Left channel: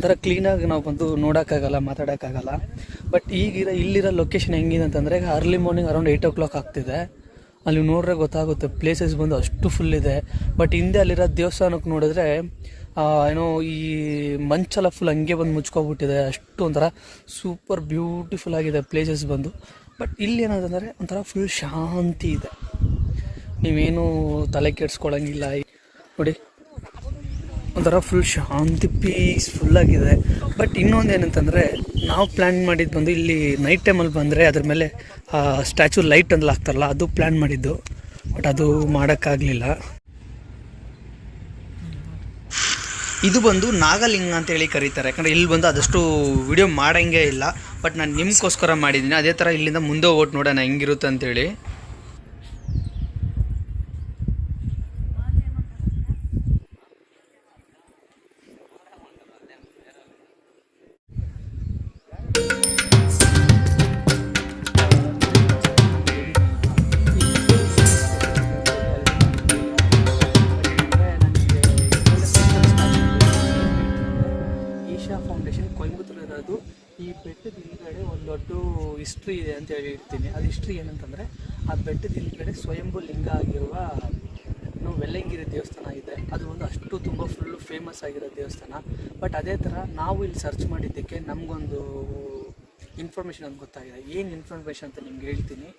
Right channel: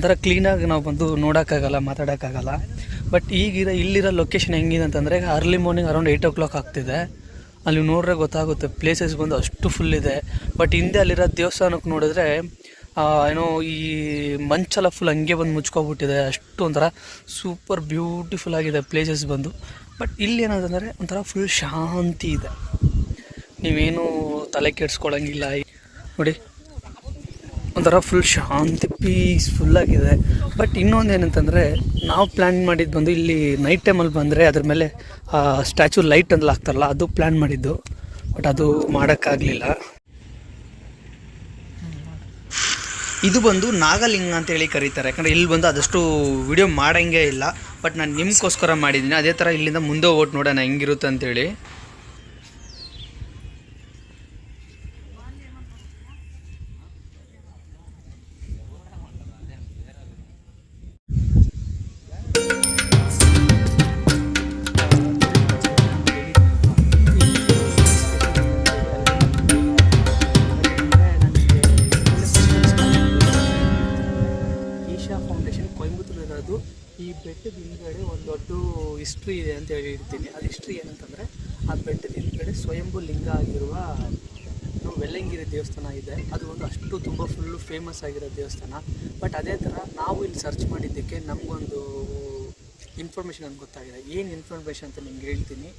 ಒಂಥರ ಕ್ಲೀನಾಗಿ ನಾವು ಬಂದು ನೋಡೋಕ್ಕಾಗಲ್ಲ, ಮಾತಾಡೋಕ್ಕಾಗಲ್ಲ. ಬಟ್ ಈಗಿರೋ ಇಲ್ಲಿರೋ ಲೊಕೇಶನ್ ಹೆಂಗಿದೆ ಅಂತಂದರೆ, ಈಗ early morning around eight o'clock ಆಗ್ತಿದೆ. ಅಲ್ಲಿ ನೋಡ್ರೆ ಗೊತ್ತಾಗುತ್ತೆ ಪ್ಲೇಸಸ್ ಬಂದು ಅಷ್ಟು ಫುಲ್ ಇದೆ. ಬಟ್ ಹಿಂದೆ ಅಲ್ಲಿರೋ ದೇವಸ್ಥಾನಕ್ಕೆ ನೋಡಿದ್ರೆ ಏನೋ ಈ ಮಂಚೆಲ್ಲ ಫುಲ್ ಹಂಗೆ ಬಂದು ಮುಚ್ಕೊಬಿಟ್ಟಿದೆ. ಅಷ್ಟು ಒಂಥರ ಸೂಪರ್ ಬ್ಯೂಟಿಫುಲ್ ಆಗಿದೆ ಪ್ಲೇಸಸ್ ಬಂದು. ಬಟ್ ಇಲ್ಲಿ ಏನಂತಂದರೆ, ಒಂಥರ ಫುಲ್ ಶಾಂತಿ ಇದೆ. ನೀವೇನು ತಲೆ ಕೆಡ್ಸ್ಕೊಳ್ಳೋಂಗಿಲ್ಲ ನೋಡಿ ಒಂಥರ ಫುಲ್ ಶಾಂತಿ ಪೀಸ್ಫುಲ್ ಆಗಿದೆ. ಬಟ್ ಇನ್ನೊಂದು ಏನಂತಂದರೆ, ನಾವು ಪ್ಲ್ಯಾನ್ ಮಾಡಿದ್ದು ಬಂದು ಇಲ್ಲಿ ನೈಟ್ ಟೈಮಲ್ಲಿ ಬಂದರೆ ಅದ್ರ ಮೇಲೆ ಸ್ಟ್ಯಾಚು ಲೈಟ್ ಅಂದ್ರೆ ಹಾಕ್ತಾರಲ್ಲ, ಅದು ಪ್ಲ್ಯಾನ್ ಮಾಡಿದ್ದು. ಬಟ್ ಅದು ಮಾಡೋಕ್ಕಾಗಲಿಲ್ಲ. ಇದು ಬಂದು ನಾಗಲಿಂಗ ಅಂತ ಹೇಳಿ ಕರೀತಾರೆ. ಯಾಕಂದರೆ ಇಲ್ಲಿ ಬಂದು ಆದಷ್ಟು ವಿಡಿಯೋ ಮಾಡೋಂಗೇ ಇಲ್ಲ. ಬಟ್ ನಾನು ನಿಮಗೋಸ್ಕರ ಮಾಡಿದ್ದೀನಿ. ಅದೇ ಥರ ಇಲ್ಲಿಂದ ಮುಂದೆ ಓಟ್ ನೋಡೋಣ, ಹೆಂಗಿರುತ್ತೆ ಅಂತೇಳಿ. ಬೆಟ್ಟದ ಹಿಂದ್ಗಡೆ ಒಂದು ದೊಡ್ಡ ಹಿಸ್ಟ್ರಿ ಇದೆ ಅಂತ ಹೇಳಿರ್ತೀನಿ. ಅದು ಹಿಸ್ಟ್ರಿ ಏನಂತಂದರೆ, ಆ ಬೆಟ್ಟದ ಹಿಂದ್ಗಡೆ ಸ್ವಯಂಭೂ ಲಿಂಗ ಆಗಿರುವ ವೆಲ್ಲಂಗಿರಿ ದೇವಸ್ಥಾನ ಇದೆ. ಅದು ಒಂದು ಅಷ್ಟು ತುಂಬ ಫುಲ್ಲು ಫೇಮಸ್ ಆಗಿರೋ ದೇವಸ್ಥಾನ. ಬಟ್ ಅದೇ ಥರ ನಾವು ಇಲ್ಲಿ ಸರ್ಚ್ ಮಾಡಿದ್ದಕ್ಕೆ ನಮಗೊಂದು ಇನ್ಫಾರ್ಮೇಷನ್ ಅಂತ ಗೊತ್ತಾಗಿದೆ. ಏನು ಇನ್ಫಾರ್ಮೇಷನ್ ಅಂತ ನಿಮ್ಗೆ ಹೇಳ್ತೀನಿ.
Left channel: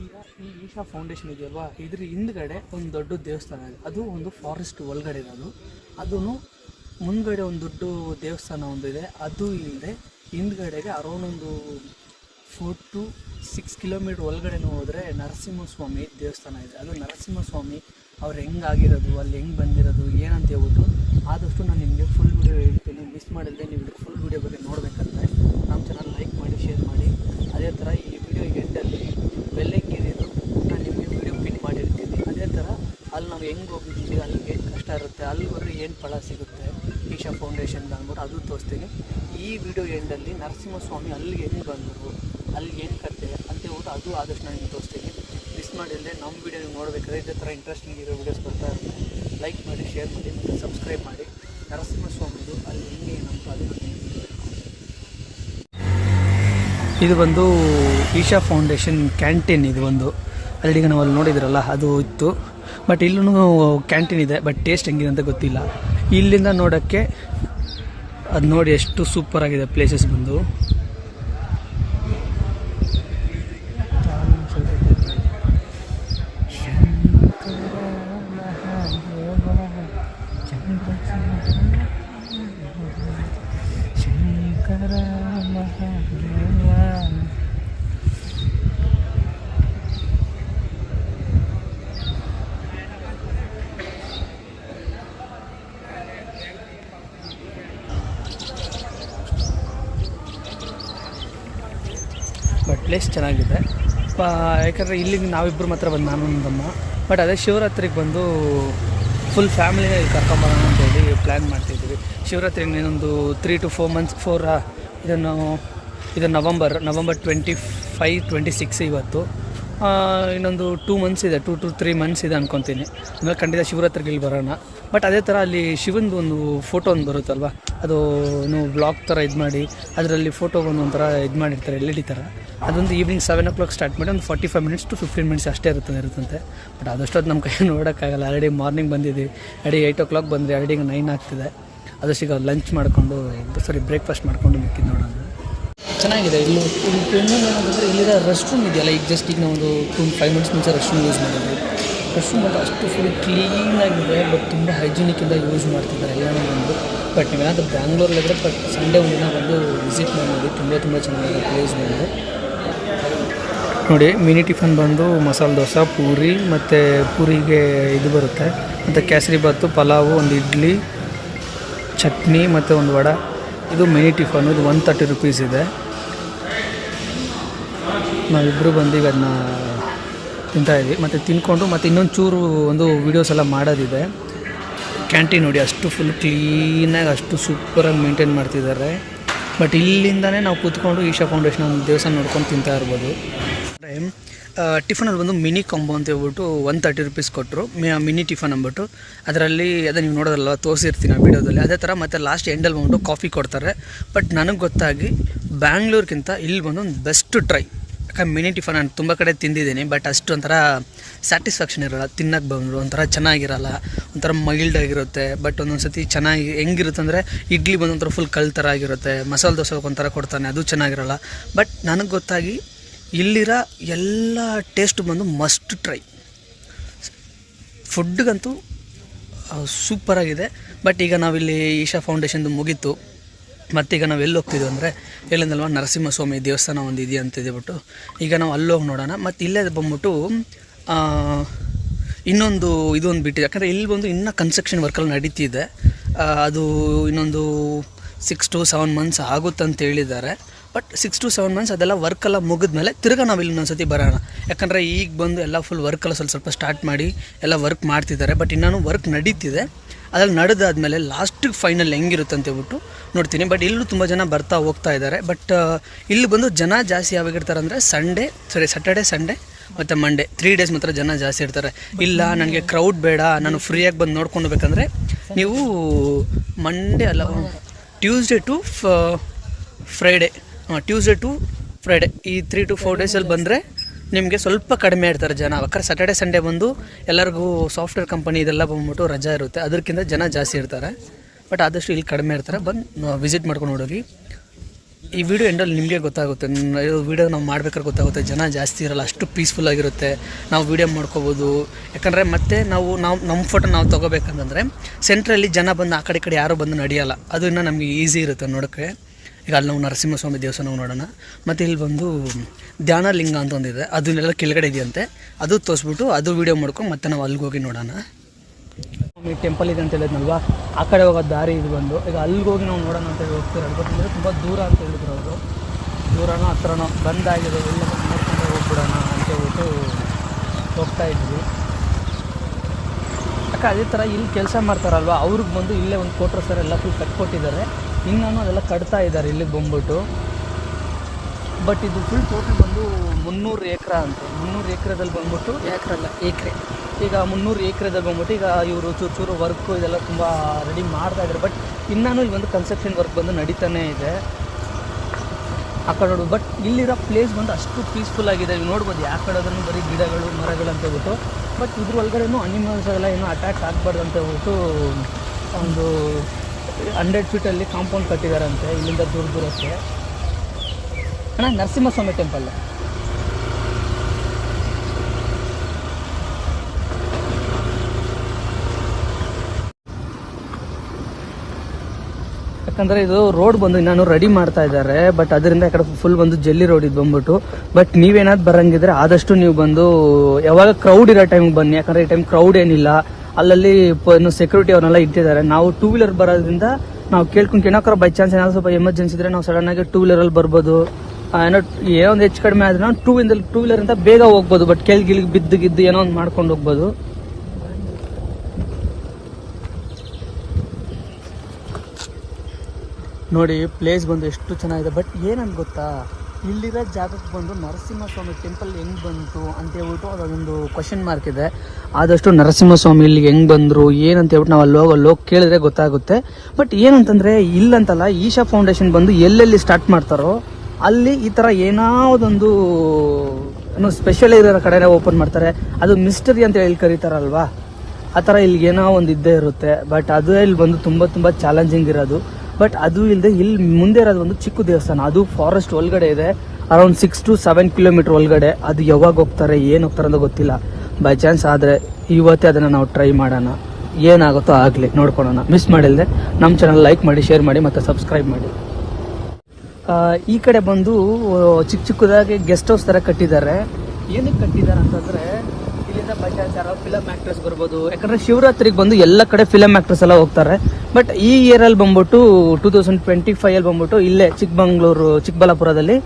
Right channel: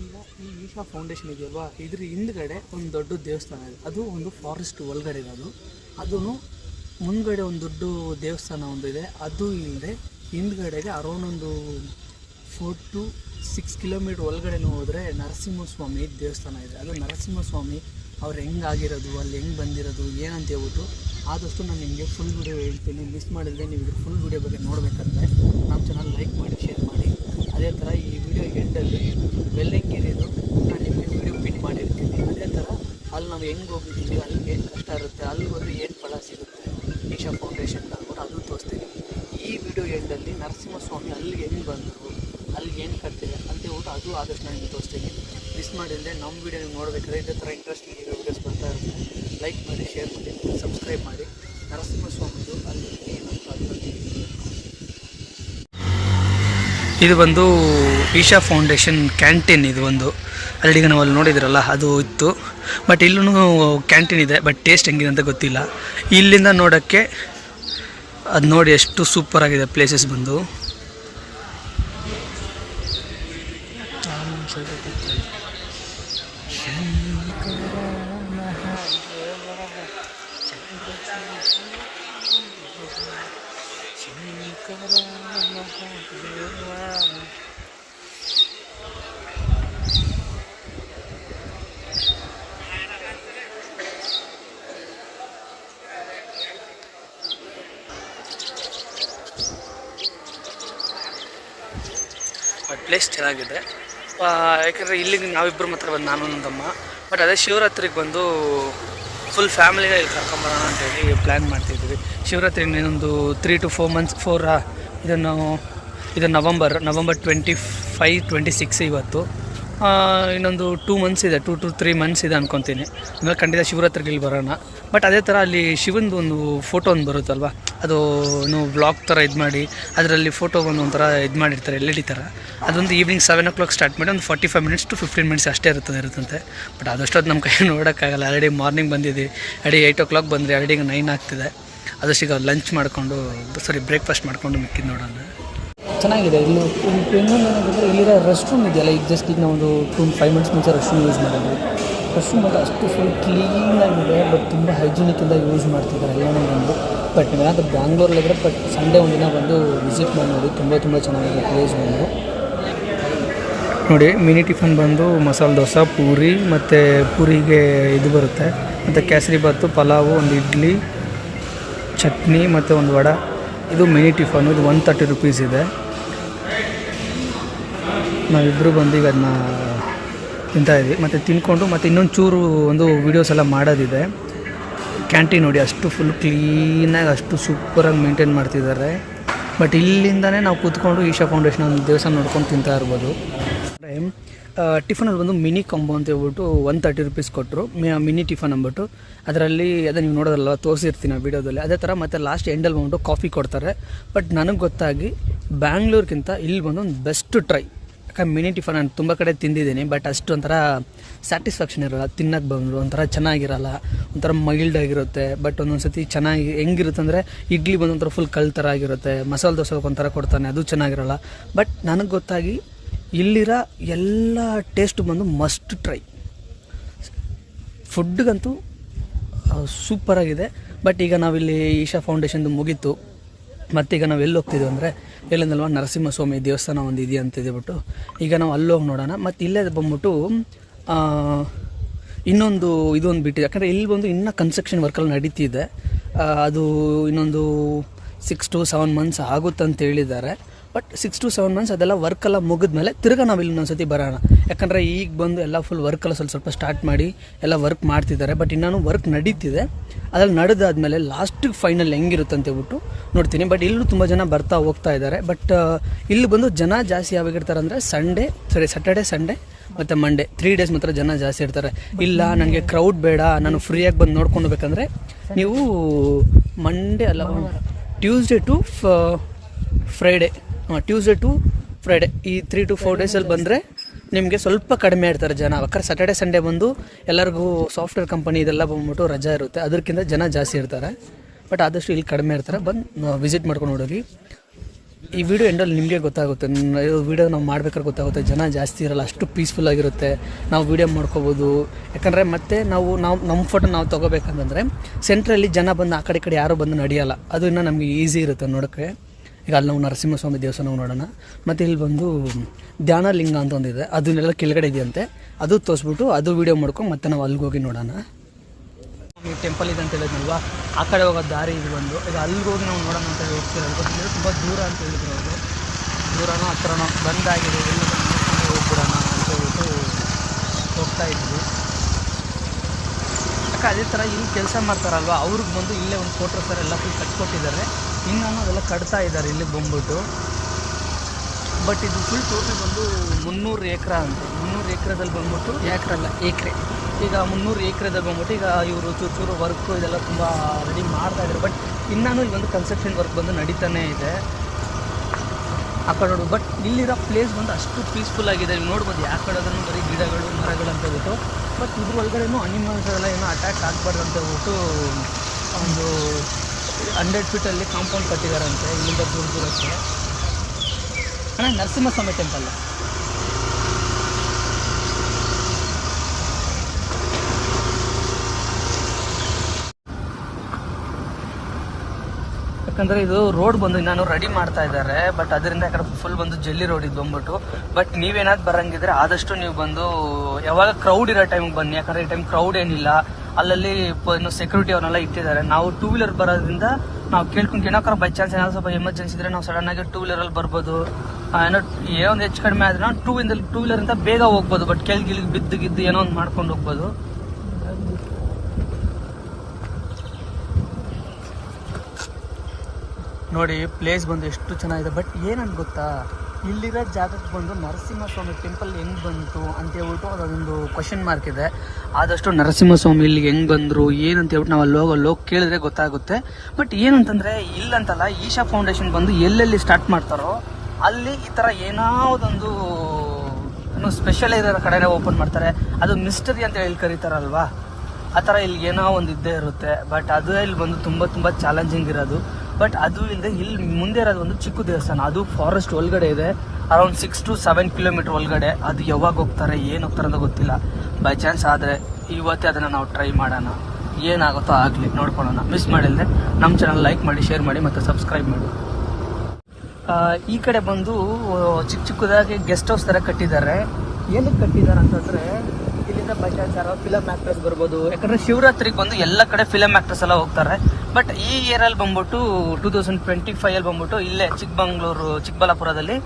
ಈಗ ಈ ಈಶಾ ಫೌಂಡೇಶನ್ ಇದೆಯಲ್ವಾ ಇದ್ರ ಹಿಂದ್ಗಡೆ ಒಂದು ದೊಡ್ಡ ದೇವಸ್ಥಾನ ಇದೆ. ಅದು ಒಂದು ಫಾರೆಸ್ಟ್ ಒಳಗಡೆ ಇರೋದು. ಅದೂ ಮುಂದ್ಗಡೆ ಒಂದು ದೊಡ್ಡ ದೇವಸ್ಥಾನ ಒಂದು ಇದೆ. ಅದು ಇಲ್ಲದೆ ಹಿಂದ್ಗಡೆಗೆ ಅರೌಂಡ್ ಒಂದು ಫೋರ್ ಟು ಸಿಕ್ಸ್ ಕಿಲೋಮೀಟ್ರ್ ಒಳಗಡೆ ಹೋದರೆ ನರಸಿಂಹಸ್ವಾಮಿ ದೇವಸ್ಥಾನ ಇದೆ. ಅದು ನರಸಿಂಹಸ್ವಾಮಿ ಅವ್ರು ಹೆಂಗಾಗಿರೋದು ಅಲ್ಲಿ ಹೆಂಗೆ ಬಂದಿರೋದು, ಏನಂತ ಹೇಳ್ಬಿಟ್ಟು ಆದಷ್ಟು ನಾನು ನಿಮಗೆ ಫುಲ್ ವಿಡಿಯೋ ಹೇಳ್ತೀನಿ. ಮಿಸ್ ಮಾಡಿದ್ರೆ ನೀವು ಫುಲ್ ವಿಡಿಯೋ ಬಗ್ಗೆ ನೋಡಬೇಕಂದ್ರೆ ನಮ್ಮ ಚಾನಲ್ ಲೈಕ್ ಮಾಡಿ ಶೇರ್ ಮಾಡಿ. ಅದೇ ಥರ ಈ ವಿಡಿಯೋ ಎಂಡಲ್ಲಿ ಬೆಲ್ಲಂಗಿರಿದು ನಾನು ನಿಮಗೆ ವಿಡಿಯೋ ಪಿನ್ ಮಾಡಿರ್ತೀನಿ. ಅದೇ ಥರ ಅಲ್ಲಿ ನಾವು ಹೆಂಗೆ ಹೋಗಿದ್ದೀವಿ, ಅಲ್ಲಿ ಏನು ಕಷ್ಟ ಇರುತ್ತೆ ಅಲ್ಲಿ ಹೋದರೆ ಏನು ಫಲ ಸಿಗುತ್ತೆ ಈಶಾ ಫೌಂಡೇಶನ್ ಅಂದ್ಬಿಟ್ಟು ಅದು ತೋರಿಸ್ತೀನಿ. ಈ ವಿಡಿಯೋ ಎಂಡಲ್ಲಿ ನರಸಿಂಹಸ್ವಾಮಿ ಅಲ್ಲಿ ಹೆಂಗೆ ಬಂದರು ಅಲ್ಲಿ ಏನು ಕಟ್ಟಿದೆ ಅಂತ ಹೇಳ್ಬಿಟ್ಟು ಅದು ಆದಷ್ಟು ನಾನು ತೋರಿಸ್ತೀನಿ. ಮಿಸ್ ಮಾಡಿದರೆ ನಮ್ಮ ವಿಡಿಯೋ ನೀವು ನೋಡಬೇಕಾದ್ರೆ ಇದೇ ಥರ ಇಂಟ್ರೆಸ್ಟಿಂಗ್ ಇರೋ ವೀಡಿಯೋಸ್ ಬರ್ತಾ ಇರುತ್ತೆ. ಲೈಕ್ ಮಾಡಿ ಶೇರ್ ಮಾಡಿ ಸಬ್ಸ್ಕ್ರೈಬ್ ಮಾಡಿ. ನರಸಿಂಹಸ್ವಾಮಿದು ಅಲ್ಲಿ ಹೆಂಗೆ ಏನಂತ ಅದು. ಇದು ಬಂದು ಈಶಾ ಫೌಂಡೇಶನ್ ಕ್ಯಾಂಟೀನ್ ಇದು ಒಂದು. ಅಲ್ಲಿಗೆ ನಾವು ಅಲ್ಲಿ ನೋಡಿದ್ರಲ್ಲ, ಅದು ಇತ್ತು. ಬಟ್ ಇಲ್ಲೂ ಕ್ಯಾಂಟೀನ್ ಇದೆ ಬಟ್ ಟೇಸ್ಟ್ ಹೆಂಗಿದೆ ಅಂತ ಗೊತ್ತಿಲ್ಲ. ಇಲ್ಲಿಂದ ನೋಡೋಕ್ಕೆ ಅದು ನೋಡಿ ಎಷ್ಟು ಸೂಪರ್ ಆಗಿದೆ ಪ್ಲೇಸಸ್ ಬಂದು. ಪ್ಲೇಸ್ ಚೆನ್ನಾಗಿದೆ. ಯಾಕಂದರೆ ಇಲ್ಲಿಗೆ ನಾವಿಬ್ಬರು ಮಾತ್ರ ಬಂದು, ನಾನು ನನ್ನಮ್ಮ ಬಟ್ ಅದೇ ಶಿವರಾತ್ರಿಗೆ ಬಂದು ಫುಲ್ ಫ್ಯಾಮಿಲಿನ ಇಲ್ಲಿ ಕರ್ಕೊಂಬರೋಣ ಅಂತೇಳಿ ಪ್ಲ್ಯಾನ್ ಮಾಡ್ತಿದ್ದೀವಿ. ಶಿವರಾತ್ರಿ ಇನ್ನೊಂದು three to four months four ಇದನ್ನು, ಇದು November November twenty five twenty six ಇವತ್ತು. ಇನ್ನೊಂದು ಟೂ ಮಂತ್ಸ್ ಇದೆ ಟೂ ಟು ತ್ರೀ ಮಂತ್ಸ್ ಇದೆ ಅನ್ಕೊತೀನಿ. ಆಮೇಲೆ ಖಂಡಿತ ಶಿವರಾತ್ರಿಗೆ ಇಲ್ಲಿ ಬರೋಣ. ಬಟ್ ಅದೇ ಥರ ಅಲ್ಲಿ ಶಿವನದು ಒಂದು ಫೋಟೋ ಒಂದು ಬರುತ್ತಲ್ವ? ಅದು ಏನು ಬ್ಲಾಗ್ ಥರ ಇದು ಮಾಡಿ, ಅದರಲ್ಲಿ ಫೋಟೋ ಒಂದು ಒಂಥರ ಇದು ಮಾಡಿರ್ತಾರೆ, ಎಲ್ ಇ ಡಿ ಥರ ಅದೊಂದು evening seven o'clock start ಮಾಡಿ ಒಂದು forty five minutes to fifteen minutes ಅಷ್ಟೇ ಇರ್ತದೆ ಇರುತ್ತಂತೆ. ಬಟ್ ಅದಷ್ಟೊತ್ತು ನಮ್ಮ ಕೈ ನೋಡೋಕ್ಕಾಗಲ್ಲ. ಆಲ್ರೆಡಿ ಮಾರ್ನಿಂಗ್ ಬಂದಿದ್ದೀವಿ ಆಲ್ರೆಡಿ ಏಯ್ಟ್ ಓ ಕ್ಲಾಕ್ ಬಂದರೆ ಆಲ್ರೆಡಿ ನೈನ್ ಆಗ್ತಿದೆ. ಅದಷ್ಟೀಗ ಲಂಚ್ ಮಾಡಿಕೊಂಡು ಸಾರಿ ಬ್ರೇಕ್ಫಾಸ್ಟ್ ಮಾಡಿಕೊಂಡು ಮಿಕ್ಕಿದ್ದು ನೋಡೋಣ. ಚೆನ್ನಾಗಿದೆ. ಇಲ್ಲಿ ಇನ್ನೊಂದು ಏನಂತಂದರೆ ಇಲ್ಲಿರೋ ರೆಸ್ಟ್ ರೂಮ್ ಇದೆಯಲ್ಲ, ಈಗ ಜಸ್ಟ್ ಈಗ ನಾವೊಂದು ಒಂದು ಟೂ ಫೈವ್ ಮಿನಿಟ್ಸ್ ಮುಂಚೆ ರೆಸ್ಟ್ ರೂಮ್ ಯೂಸ್ ಮಾಡಿದ್ವಿ. ರೆಸ್ಟ್ ರೂಮ್ ಅಂತ ಅಷ್ಟು ಫುಲ್ ಕ್ಲೀನಾಗಿದೆ ಬಟ್ ತುಂಬ ಹೈಜಿನಿಕ್ಕಿಂದ ಯೂಸ್ ಮಾಡ್ತಿದ್ದಾರೆ ಎಲ್ಲನೇ ಬಂದು. ಬಟ್ ನೀವೇನಾದರೂ ಬ್ಯಾಂಗ್ಳೂರಲ್ಲಿದ್ದರೆ ಬಟ್ ಸಂಡೇ ಒಂದಿನ ಬಂದು ವಿಸಿಟ್ ಮಾಡಿ ತುಂಬ ತುಂಬ ಚೆನ್ನಾಗಿದೆ ಪ್ಲೇಸ್ ಬಂದು. ನೋಡಿ ಮಿನಿ ಟಿಫನ್ ಬಂದು ಮಸಾಲೆ ದೋಸೆ, ಪೂರಿ, ಮತ್ತು ಪೂರಿಗೆ ಇದು ಬರುತ್ತೆ. ಮತ್ತು ಕೇಸರಿ ಬಾತು ಪಲಾವು, ಒಂದು ಇಡ್ಲಿ, ಚಟ್ನಿ, ಮತ್ತು ಒಂದು ವಡ. ಇದು ಮಿನಿ ಟಿಫನು ಇದು ಒನ್ ತರ್ಟಿ ರುಪೀಸ್ ಇದೆ. ನಾವಿಬ್ಬರು ಬಂದು ಈಗ ಅದನ್ನ ತಿಂತಾಯಿದ್ವಿ ಮತ್ತು ತಿನ್ಕೊಂಡು ಮತ್ತು ಇನ್ನೊಂದು ಚೂರು ಒಂದು ವೀಡಿಯೋಸ್ ಎಲ್ಲ ಮಾಡೋದಿದೆ. ಕ್ಯಾಂಟೀನ್ ನೋಡಿ, ಅಷ್ಟು ಫುಲ್ ಕ್ಲೀನಾಗಿ ಅಷ್ಟು ಸೂಪರಾಗಿ ಮೇಂಟೈನ್ ಮಾಡ್ತಿದ್ದಾರೆ. ಬಟ್ ಇಲ್ಲಿಂದನೇ ನಾವು ಕೂತ್ಕೊಂಡು ಈಶಾ ಫೌಂಡೇಶನ್ ಒಂದು ದೇವಸ್ಥಾನ ನೋಡ್ಕೊಂಡು ತಿಂತಾ ಇರ್ಬೋದು. ಟಿಫನಲ್ಲಿ ಬಂದು ಮಿನಿ ಕಾಂಬೋ ಅಂತ ಹೇಳ್ಬಿಟ್ಟು ಒನ್ ತರ್ಟಿ ರುಪೀಸ್ ಕೊಟ್ಟರು ಮಿನಿ ಟಿಫನ್ ಅಂದ್ಬಿಟ್ಟು. ಅದರಲ್ಲಿ ಅದೇ ನೀವು ನೋಡೋದಲ್ಲ ತೋರಿಸಿರ್ತೀನಿ ಆ ವಿಡಿಯೋದಲ್ಲಿ ಅದೇ ಥರ ಮತ್ತು ಲಾಸ್ಟ್ ಎಂಡಲ್ಲಿ ಬಂದ್ಬಿಟ್ಟು ಕಾಫಿ ಕೊಡ್ತಾರೆ. ಬಟ್ ನನಗೆ ಗೊತ್ತಾಗಿ ಬ್ಯಾಂಗ್ಳೂರ್ಗಿಂತ ಇಲ್ಲಿ ಬಂದು ಒಂದು ಬೆಸ್ಟ್ ಟ್ರೈ ಯಾಕಂದ್ರೆ ಮಿನಿ ಟಿಫನ್ ನಾನು ತುಂಬ ಕಡೆ ತಿಂದಿದ್ದೀನಿ ಬಟ್ ಅಷ್ಟು ಒಂಥರ ಸ್ಯಾಟಿಸ್ಫ್ಯಾಕ್ಷನ್ ಇರೋಲ್ಲ. ತಿನ್ನಕ್ಕೆ ಬಂದರು ಒಂಥರ ಚೆನ್ನಾಗಿರಲ್ಲ, ಒಂಥರ ಮೈಲ್ಡ್ ಆಗಿರುತ್ತೆ ಬಟ್ ಒಂದೊಂದು ಸತಿ ಚೆನ್ನಾಗಿ ಹೆಂಗಿರುತ್ತೆ ಅಂದರೆ ಇಡ್ಲಿ ಬಂದು ಫುಲ್ ಕಲ್ ಥರ ಆಗಿರುತ್ತೆ, ಮಸಾಲೆ ದೋಸೆ ಒಂಥರ ಕೊಡ್ತಾನೆ, ಅದು ಚೆನ್ನಾಗಿರಲ್ಲ. ಬಟ್ ನನಗೆ ಗೊತ್ತಾಗಿ ಇಲ್ಲಿರೋ ಎಲ್ಲ ಟೇಸ್ಟ್ ಬಂದು ಮಸ್ಟ್ ಟ್ರೈ ಫುಡ್ಗಂತೂ ಸೂಪರಾಗಿದೆ ಬಟ್ ಈಗ ನಾವಿಲ್ಲಿ ಈಶಾ ಫೌಂಡೇಶನ್ದು ಮುಗೀತು. ಮತ್ತೀಗ ನಾವು ಎಲ್ಲಿ ಹೋಗ್ತಿದ್ವಿ ಅಂದರೆ ಎಲ್ಲಿಂದಲ್ವ ನರಸಿಂಹಸ್ವಾಮಿ ದೇವಸ್ಥಾನ ಒಂದು ಇದೆಯಾ ಅಂತ ಬಿಟ್ಟು ಈಗ ನಾವು ಅಲ್ಲೋಗಿ ನೋಡೋಣ. ಮತ್ತು ಇಲ್ಲೇ ಬಂದ್ಬಿಟ್ಟು ಇನ್ನೊಂದು ಇನ್ನೊಂದು ಇದೊಂದು ಬಿಟ್ಟಿದೆ. ಯಾಕಂದರೆ ಇಲ್ಲಿ ಬಂದು ಇನ್ನೂ ಕನ್ಸ್ಟ್ರಕ್ಷನ್ ವರ್ಕಲ್ಲಿ ನಡೀತಿದೆ. ಅದು ಇನ್ನೊಂದು ಸಿಕ್ಸ್ ಟು ಸೆವೆನ್ ಮಂತ್ಸ್ ಆಗುತ್ತೆ ಅಂತ ಹೇಳಿದ್ದಾರೆ. But six to seven months ಅದೆಲ್ಲ ವರ್ಕೆಲ್ಲ ಮುಗಿದ್ಮೇಲೆ ತಿರ್ಗಾ ನಾವು ಇಲ್ಲಿ ಸತಿ ಬರೋಣ. ಯಾಕಂದರೆ ಈಗ ಬಂದು ಎಲ್ಲ ಫುಲ್ ವರ್ಕೆಲ್ಲ ಸ್ವಲ್ಪ ಸ್ವಲ್ಪ ಸ್ಟಾರ್ಟ್ ಮಾಡಿ ಎಲ್ಲ ವರ್ಕ್ ಮಾಡ್ತಿದ್ದಾರೆ. ಬಟ್ ಇನ್ನೂ ವರ್ಕ್ ನಡೀತಿದೆ. ಅದ್ರಲ್ಲಿ ನಡೆದಾದ್ಮೇಲೆ ಲಾಸ್ಟಿಗೆ ಫೈನಲ್ ಹೆಂಗಿರುತ್ತೆ ಅಂತ ಹೇಳ್ಬಿಟ್ಟು ನೋಡ್ತೀನಿ. ಬಟ್ ಇಲ್ಲೂ ತುಂಬ ಜನ ಬರ್ತಾ ಹೋಗ್ತಾ ಇದ್ದಾರೆ. ಬಟ್ ಇಲ್ಲಿ ಬಂದು ಜನ ಜಾಸ್ತಿ ಯಾವಾಗಿರ್ತಾರೆ ಅಂದರೆ ಸಂಡೇ ಸಾರಿ ಸ್ಯಾಟರ್ಡೆ ಸಂಡೇ ಮತ್ತು ಮಂಡೇ ತ್ರೀ ಡೇಸ್ ಮಾತ್ರ ಜನ ಜಾಸ್ತಿ ಇರ್ತಾರೆ. ಇಲ್ಲ ನನಗೆ ಕ್ರೌಡ್ ಬೇಡ. ನಾನು ಫ್ರೀಯಾಗಿ ಬಂದು ನೋಡ್ಕೊಂಡು ಹೋಗ್ಬೇಕಂದ್ರೆ ನೀವು ಮಂಡೇ ಅಲ್ಲ Tuesday to Friday Tuesday to Friday ಈ ತ್ರೀ ಟು ಫೋರ್ ಡೇಸಲ್ಲಿ ಬಂದರೆ ನಿಮಗೆ ಸ್ವಲ್ಪ ಕಡಿಮೆ ಇರ್ತಾರೆ ಜನ. ಯಾಕಂದ್ರೆ ಸಾಟರ್ಡೆ ಸಂಡೇ ಬಂದು ಎಲ್ಲರಿಗೂ ಸಾಫ್ಟ್ವೇರ್ ಕಂಪನಿ ಇದೆಲ್ಲ ಬಂದ್ಬಿಟ್ಟು ರಜಾ ಇರುತ್ತೆ. ಅದಕ್ಕಿಂತ ಜನ ಜಾಸ್ತಿ ಇರ್ತಾರೆ. ಬಟ್ ಆದಷ್ಟು ಇಲ್ಲಿ ಕಡಿಮೆ ಇರ್ತಾರೆ. ಬಂದು ವಿಸಿಟ್ ಮಾಡ್ಕೊಂಡು ನೋಡೋಗಿ ಈ ವಿಡಿಯೋ ಎಂಡಲ್ಲಿ ನಿಮಗೆ ಗೊತ್ತಾಗುತ್ತೆ. ವಿಡಿಯೋ ನಾವು ಮಾಡ್ಬೇಕಾದ್ರೆ ಗೊತ್ತಾಗುತ್ತೆ. ಜನ ಜಾಸ್ತಿ ಇರಲ್ಲ. ಅಷ್ಟು ಪೀಸ್ಫುಲ್ ಆಗಿರುತ್ತೆ. ನಾವು ವಿಡಿಯೋ ಮಾಡ್ಕೋಬೋದು. ಯಾಕಂದರೆ ಮತ್ತೆ ನಾವು ನಾವು ನಮ್ಮ ಫೋಟೋ ನಾವು ತೊಗೋಬೇಕಂತಂದರೆ ಸೆಂಟ್ರಲ್ಲಿ ಜನ ಬಂದು ಆ ಕಡೆ ಕಡೆ ಯಾರೂ ಬಂದು ನಡೆಯಲ್ಲ. ಅದು ಇನ್ನೂ ನಮಗೆ ಈಸಿ ಇರುತ್ತೆ ನೋಡೋಕ್ಕೆ ಈಗ ಅಲ್ಲಿ ನಾವು ನರಸಿಂಹಸ್ವಾಮಿ ದೇವಸ್ಥಾನ ನೋಡೋಣ. ಮತ್ತು ಇಲ್ಲಿ ಬಂದು ಧ್ಯಾನಲಿಂಗ ಅಂತ ಒಂದಿದೆ ಅದನ್ನೆಲ್ಲ ಕೆಳಗಡೆ ಇದೆಯಂತೆ. ಅದು ತೋರಿಸ್ಬಿಟ್ಟು ಅದು ವಿಡಿಯೋ ಮಾಡ್ಕೊಂಡು ಮತ್ತೆ ನಾವು ಅಲ್ಲಿಗೆ ಹೋಗಿ ನೋಡೋಣ. ಈ ಟೆಂಪಲ್ ಇದೆ ಅಂತ ಹೇಳಿದ್ನಲ್ವಾ? ಆ ಕಡೆ ಹೋಗೋ ದಾರಿ ಇದು ಬಂದು. ಈಗ ಅಲ್ಲಿಗೆ ಹೋಗಿ ನಾವು ನೋಡೋಣ ಅಂತ ಯಾಕಂದರೆ ತುಂಬ ದೂರ ಅಂತ ಹೇಳಿದ್ರು ಅವರು. ದೂರನೋ ಹತ್ರನೋ ಬಂದಾಗಿದೆ. ಎಲ್ಲ ನೋಡ್ಕೊಂಡು ಹೋಗ್ಬಿಡೋಣ ಅಂತ ಹೇಳ್ಬಿಟ್ಟು ಹೋಗ್ತಾ ಇದ್ವಿ. ಅಕ್ಕ ಅದೇ ಥರ ಇಲ್ಲಿ ಕೆಲಸ ಮಾಡ್ತಾರಲ್ವ? ಅವ್ರಿಗೆ ಬಂದು ಇಲ್ಲೇ ಒಂದು ಫೋಟೋ ಸರ್ ಎಲ್ಲ ಫುಲ್ ಕಟ್ಕೊಟ್ಟಿದ್ದಾರೆ. ಇನ್ನೂ ಅವೆಲ್ಲ ಕಟ್ತಾ ಇದ್ದಾರೆ ಇಲ್ಲಿ ಬಂದ್ಬಿಟ್ಟು. ಬಟ್ ಇದು ಫುಲ್ ಟೋಟಲ್ ಬಂದು ಮುನ್ನೂರು ಎಕರೆ ಅಂತ. ಮುನ್ನೂರು ಎಕ್ರೆದಲ್ಲಿ ಬಂದ್ಬಿಟ್ಟು ಯಾಕ್ರಲ್ಲ ಎಕರೆ. ಈಗ ಮುನ್ನೂರು ಎಕರೆದ ಬಂದ್ಬಿಟ್ಟು ಈಗ ಇವರು ಚೂರು ಚೂರು ವರ್ಕು ಇದೆಲ್ಲ ತುಂಬ ರೆಡಿ ಮಾಡ್ತಾ ಇದ್ದಾರೆ. ಬಟ್ ಇನ್ನೂ ಇಲ್ಲಿ ಬಂದು ಕನ್ಸ್ಟ್ರಕ್ಷನ್ ವರ್ಕ್ ಬಂದು ನಡೀತಾನೇ ಇದೆ. ಆ ಕಡೆ ಬಟ್ ಇಲ್ಲಿರೋ ಪ್ಲೇಸ್ ಬಂದು ಅಷ್ಟು ಪೀಸ್ಫುಲ್ ಆಗಿದೆ. ನೋಡ್ಬೋದು ಯಾವ ಕಡೆ ಹೋದ್ರೂ ಬರೀ ಗಿಡಗಳು ಮರಗಳು ಅಂತ ಹೇಳ್ಬಿಟ್ಟು. ಬಟ್ ಇದ್ರ ಒಳಗಡೆನೂ ಅನಿಮಲ್ಸ್ ಎಲ್ಲ ಏನೋ ಅಟ್ಯಾಕ್ ಆಗಬಾರ್ದು ಅಂತ ಹೇಳ್ಬಿಟ್ಟು ಒಂದು ಹಂಡ್ರೆಡ್ ಫೀಟಲ್ಲಿ ಕಾಂಪೌಂಡ್ ಕಟ್ಟಿದಾರಂತೆ, ಇಲ್ಲಿಂದ ದೂರ ದೂರಕ್ಕೆ. ಅಣ್ಣ, ನರಸಿಂಹಸ್ವಾಮಿ ಟೆಂಪಲ್ ಯಾಕಂದ್ರೆ ಇದು ರೋಡ್ ಬಂದು ನಾನು ರೆಡಿ ಮಾಡ್ತಾ ಇದ್ದಾರೆ ಬಟ್ ಅದರಿಂದ ಆ ಕಡೆ ಫುಲ್ ಬಂದು ಜಲ್ಲಿ ರೋಡ್ ಇದು ಬಂದ್ಬಿಟ್ಟು. ಬಟ್ ನೀವೇನಾದ್ರು ಬರಂಗಿದ್ರೆ ಆದಷ್ಟು ನೀವು ಬಂದು, ಯಾವಾಗ ಕ್ರೌಡ್ ಇರೋ ಟೈಮ್ ಬನ್ನಿ. ಯಾಕಂದ್ರೆ ಈ ಟೈಮ್ ಕ್ರೌಡ್ ಏನಿಲ್ಲ. ಅಲ್ಲಲ್ಲಿ ಸೆಕ್ಯೂರಿಟಿ ಅವ್ರನ್ನೆಲ್ಲ ಇಟ್ಟಿದ್ದಾರೆ. ನಾವು ಟೂ ವೀಲರ್ ಬರೋದ್ರಿಂದ ನಾವು ಕೇಳ್ಕೊಂಡು ಕೇಳೋಕ್ರ ಬೈ ಚಾನ್ಸ್ ಏನಾದ್ರು ಸ್ವಲ್ಪ ಎಮರ್ಜೆನ್ಸಿ ಇದ್ರೆ ನಾವು ಸಡನ್ ಆಗಿ ಟೂ ವೀಲರಲ್ಲಿ ಬರ್ಬೋದು. ಏನೋ ಏನೋ ಒಂದು ಹೆಚ್ಚು ಕಡಿಮೆ ಆದ್ರೆ ಟೂ ವೀಲರ್ ಟೂ ವೀಲರ್ ಅಂತ ಬೇಗ ಹೋಗ್ಬೋದು. ಬಟ್ ಕೆಲ್ ಗಿಲ್ಗೆ ಬಿದ್ದು ಗಿದ್ದು ಏನೋ ಒಂದು ಮಾಡ್ಕೊಂಡು ಹೋಗ್ಬೋದು. ನೋಡಿ ಪ್ಲೇಸ್ ಬಂದು ಎಷ್ಟು ಚೆನ್ನಾಗಿದೆ. ಬಟ್ ಏನಂತ ಗೊತ್ತಾ? ಇಲ್ಲಿರೋ ಜಾಗಕ್ಕೆ ಬಂದು ನರಸಿಂಹಸ್ವಾಮಿ ಟೆಂಪಲ್ ಹೆಂಗ್ ಬಂತು ಅಂತ ಹೇಳ್ಬಿಟ್ಟು ಅದೊಂದು ಕ್ವಶನ್ ಮಾರ್ಕ್ ಇದೆ. ಆದಷ್ಟು ನರಸಿಂಹಸ್ವಾಮಿ ಇಲ್ಲಿ ಹೆಂಗ್ ಬಂದ್ರು ಏನಂತ ಹೇಳ್ಬಿಟ್ಟು ನಾವು ಅಲ್ಲಿ ಹೋಗಲ್ಲಿ ಹೋಗಿ ಕೇಳಿದ್ರೆ ಗೊತ್ತಾಗುತ್ತೆ. ಬಟ್ ಏನಂತಂದ್ರೆ, ಇಲ್ಲಂತಲ್ಲ, ಈಶಾ ಫೌಂಡೇಶನ್ ಬಂದು ಎಲ್ಲೆಲ್ಲಿ ಸ್ಟಾರ್ಟ್ ಮಾಡ್ತಾರೋ, ಅಲ್ಲಿ ಈ ತರ ಏನಾದೊಂದು, ಏನೋ ಸ್ಪೆಷಲ್ ಇರೋ ಕಡೆನೇ ಓಪನ್ ಮಾಡ್ತಾರೆ. ಅದು ಮಿಸ್ಟರಿ ಅಂತ ಹೇಳಿ ಕರೀತಾರಲ್ವಾ? ಆ ಥರ ಇಲ್ಲಿ ಏನೋ ಒಂದು ಇದ್ದೇ ಇರುತ್ತೆ. ಬಟ್ ಅದು ಇಲ್ಲಿ ಬಂದು ತುಂಬ ತುಂಬ ಚಾಲೆಂಜಿಂಗ್ ಇರೋದು. ಬಟ್ ಅದು ಇಲ್ಲದೆ ಇಲ್ಲಿ ಮುಂದೆ ಇರೋದು ಒಂದು ಚಿಕ್ಕ ದೇವಸ್ಥಾನ. ಅದು ಫಾರೆಸ್ಟ್ ಒಳಗಡೆ ಇದೆ. Around six to seven kilometre ಒಳಗಡೆ. ಅದು ಯಾವಾಗ ಹೋಗ್ತಾರೆ, ಏನು ಹೋಗ್ತಾರೆ ಅಂತ ಗೊತ್ತಿಲ್ಲ. ಬೈ ಚಾನ್ಸ್ ಆದರೆ ಇವತ್ತೇ ಅದನ್ನು ನಾವು ಟ್ರೈ ಮಾಡೋಣ. ಏನಾಗುತ್ತೋ ಆಗಲಿ, ನೋಡ್ಕೊಳ್ಳೋಣ. ಮಿಸ್ ಮಾಡಿಲ್ಲದೆ ನಮ್ಮ ಚಾನಲ್ ಲೈಕ್ ಮಾಡಿ ಶೇರ್ ಮಾಡಿ, ಮತ್ತು ಸಬ್ಸ್ಕ್ರೈಬ್ ಮಾಡಿ. ಈ ಕಡೆ ಬಂದು ಚಿಕ್ಕ ಚಿಕ್ಕದಾಗಿ ಗೆಸ್ಟ್ ಹೌಸ್ ಥರ ಕಟ್ಟಿದ್ದಾರೆ. ಏನಕ್ಕೆ ಕಟ್ಟಿದ್ದಾರೆ ಅಂತಂದ್ರೆ ಇಲ್ಲಿಂದ by chance ಯಾರೋ ಫಿಲಮ್ ಆಕ್ಟರ್ಸ್ ಬರ್ಬೋದು. ಯಾಕಂದ್ರೆ ಶಿವರಾತ್ರಿಗೆ ಬಂದು ಎಲ್ಲ ಕಡೆ ಫಿಲಮ್ ಆಕ್ಟರ್ಸ್ ಎಲ್ಲ ಹೋಗ್ತಾರೆ. ಬಟ್ ಈ ಇಯರ್ ಅಲ್ಲಿ ಬಂದ್ಬಿಟ್ಟು ಟೂ ತೌಸಂಡ್ ಟ್ವೆಂಟಿ ಫೈವ್ ಅಲ್ಲಿ ಬಂದ್ಬಿಟ್ಟು ಇಲ್ಲೇ ಚಿಕ್ಕಮಂಗ್ಳೂರು, ಚಿಕ್ಕಬಳ್ಳಾಪುರದಲ್ಲಿ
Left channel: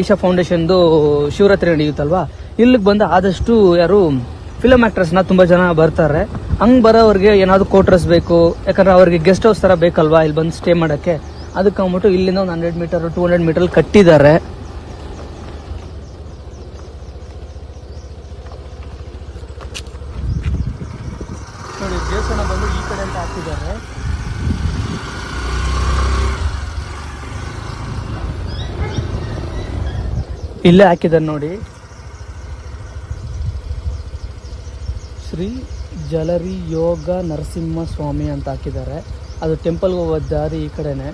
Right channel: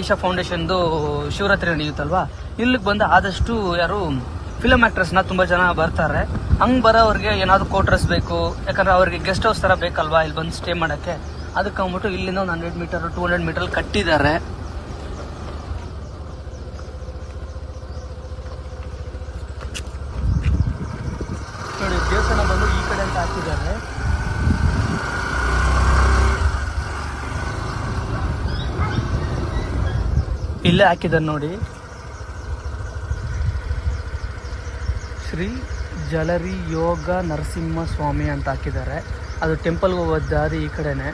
ಈಶಾ ಫೌಂಡೇಶನ್ದು ಶಿವರಾತ್ರಿ ನಡೆಯುತ್ತಲ್ವಾ? ಇಲ್ಲಿಗೆ ಬಂದು ಆದಷ್ಟು ಯಾರು ಫಿಲಮ್ ಆಕ್ಟರ್ಸ್ನ ತುಂಬಾ ಜನ ಬರ್ತಾರೆ. ಹಂಗ್ ಬರೋವ್ರಿಗೆ ಏನಾದರೂ ಕೋಟ್ರಸ್ ಬೇಕು, ಯಾಕಂದ್ರೆ ಅವ್ರಿಗೆ ಗೆಸ್ಟ್ ಹೌಸ್ ತರ ಬೇಕಲ್ವಾ ಇಲ್ಲಿ ಬಂದು ಸ್ಟೇ ಮಾಡಕ್ಕೆ? ಅದಕ್ಕೆ ಅಂದ್ಬಿಟ್ಟು ಇಲ್ಲಿಂದ ಒಂದು hundred metre two hundred metre ಕಟ್ಟಿದ್ದಾರೆ. ಇಲ್ಲೇ ಹಾಕಿದ್ದಾರೆ ನೋಡಿ. ಶ್ರೀ ಜಲರಿ ಯೋಗ ನರಸಿಂಹ ಸ್ವಾಮಿ ಅಂತ ಹಾಕಿದ್ದಾರೆ. ಅದು ಟೆಂಪಲ್ಗೆ ಹೋಗೋ ದಾರಿ ಈ ಕಡೆನೆ.